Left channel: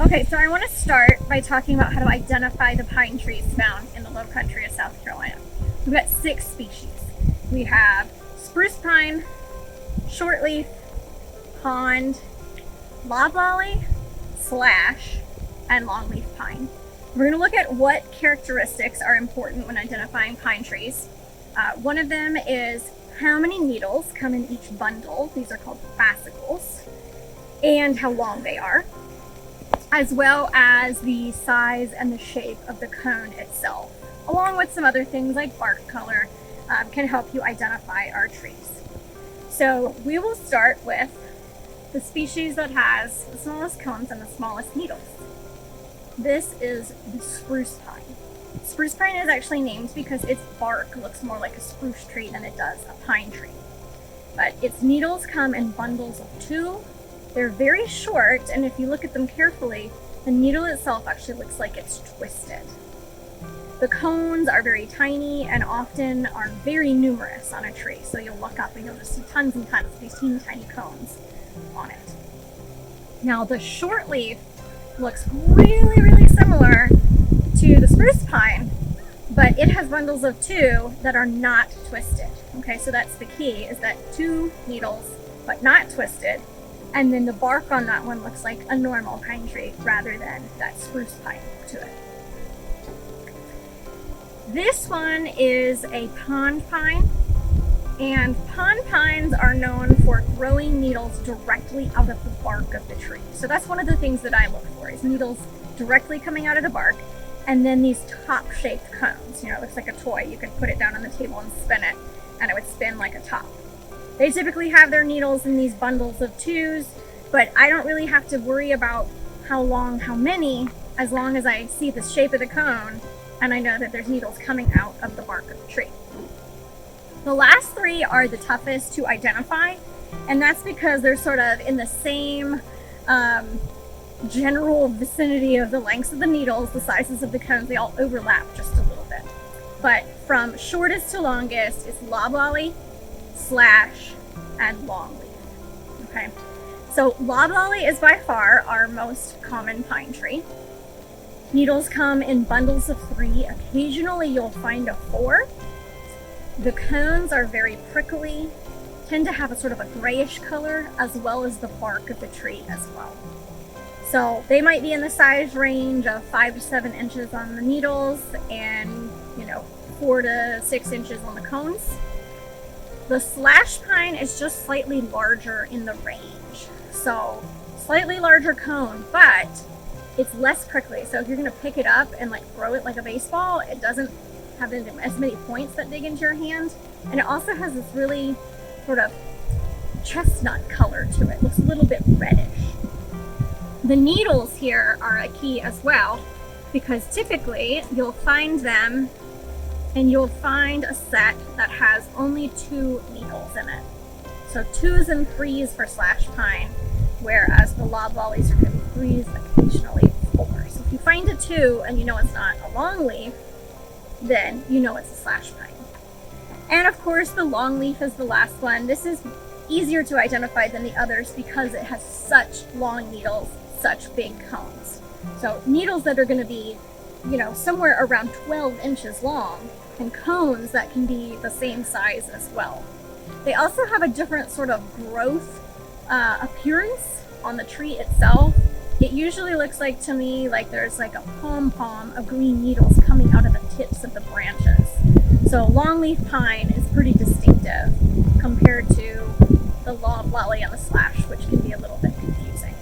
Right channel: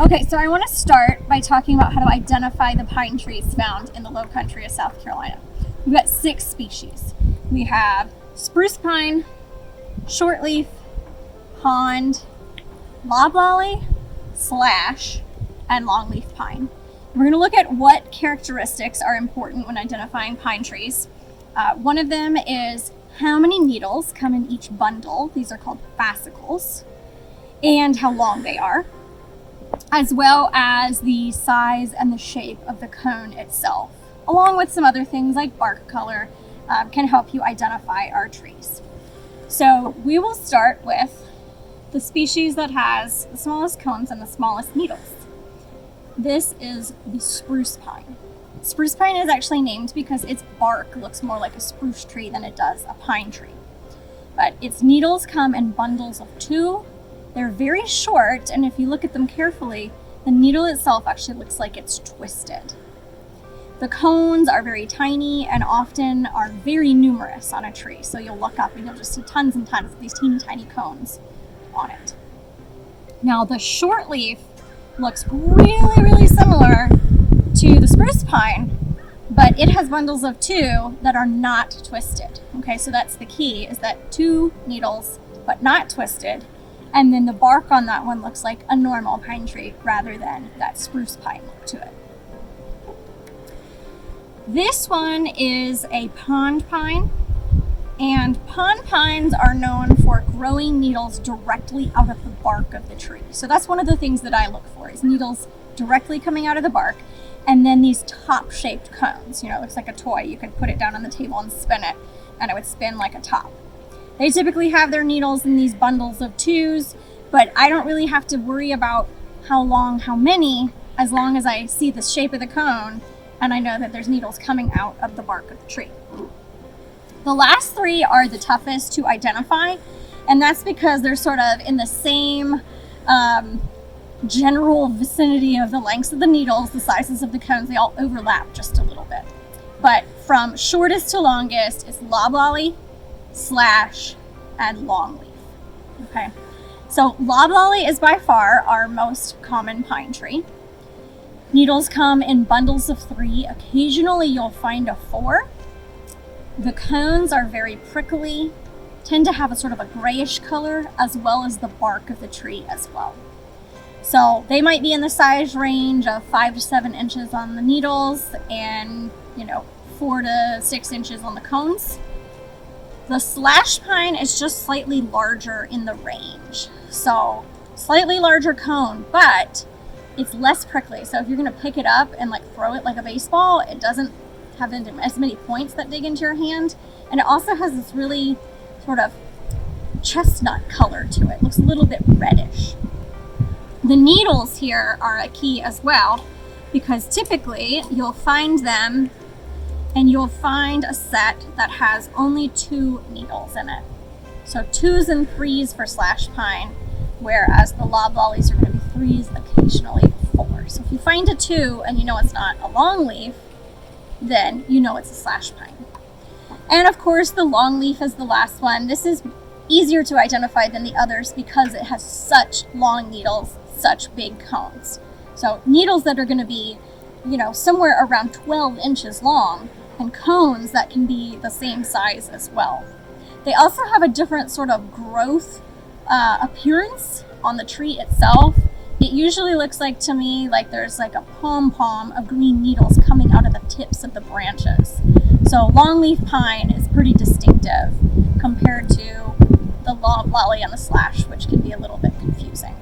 Okay, so I want to start by talking about how to identify the pine trees found in the Lowcountry of South Carolina. We've got 6 species. We have spruce pine, shortleaf, pond, loblolly, slash, and longleaf pine. We're going to look at what characteristics are important when identifying pine trees. One of them is how many needles come in each bundle. These are called fascicles, and how long they are, as well as the size and the shape of the cone itself, along with some other things like bark color, can help you identify our trees. So we will start with the species that has the smallest cones and the smallest needles. This is the spruce pine. Spruce pine is actually named because its bark looks more like a spruce tree than it does a pine tree. But its needles come in bundles of 2. They're very short, and if you look at them carefully, the needle itself actually looks like it's twisted. The cones are very tiny and often are very numerous on a tree. So you'll look up and you'll just see tons and tons of these teeny tiny cones on it. Now the shortleaf looks really similar to the spruce pine, but it has bundles of 2 that are not twisted. Okay, so that's the key, is that 2 needles but not twisted, and then the bark on that one looks like a normal pine tree rather than that spruce pine look to it. This one is a pond pine, and pond pines are known for growing needles directly out of the bark of the tree. So that's one of the things that I look for, is needles directly coming out of the bark, and then these top-shaped cones. You know, it looks like a toy. You could put it down on the table and spin it, and it would spin like a top. They typically have their needles in these bundles of 2s, but I don't really have to worry about how long, how many, as long as I see the shape of the cone and I know that there's needles coming out of the bark of the tree. The last 3 are the toughest to identify, and that's because they're sort of in the same general vicinity of the lengths of the needles, the sizes of the cones. They all overlap just a little bit. But from shortest to longest is loblolly, slash, and longleaf. Okay, so loblolly is by far our most common pine tree. Needles come in bundles of 3. Occasionally you'll find a 4. The cones are very prickly, tend to have a sort of a grayish color, as well as the bark of the tree as well. So they might be in the size range of 5 to 7 inches on the needles and 4 to 6 inches on the cones. The slash pine is just slightly larger in the range. So slightly larger cone, but it's less prickly. So if you're gonna pick it up and throw it like a baseball, it doesn't have as many points that dig into your hand. And it also has this really sort of chestnut color to it. It looks a little bit reddish. The needles here are a key as well, because typically you'll find them and you'll find a set that has only 2 needles in it. So 2s and 3s for slash pine, whereas the loblollies are going to be 3s, occasionally 4. So if you find a 2 and you know it's not a longleaf, then you know it's a slash pine. And of course the longleaf is the last one. This is easier to identify than the others because it has such long needles, such big cones. So needles that are going to be, somewhere around 12 inches long, and cones that can be the same size as well. They also have a different sort of growth appearance on the tree itself. It usually looks like, to me, like there's like a pom-pom of green needles coming out of the tips of the branches. So longleaf pine is pretty distinctive compared to the loblolly and the slash, which can be a little bit confusing.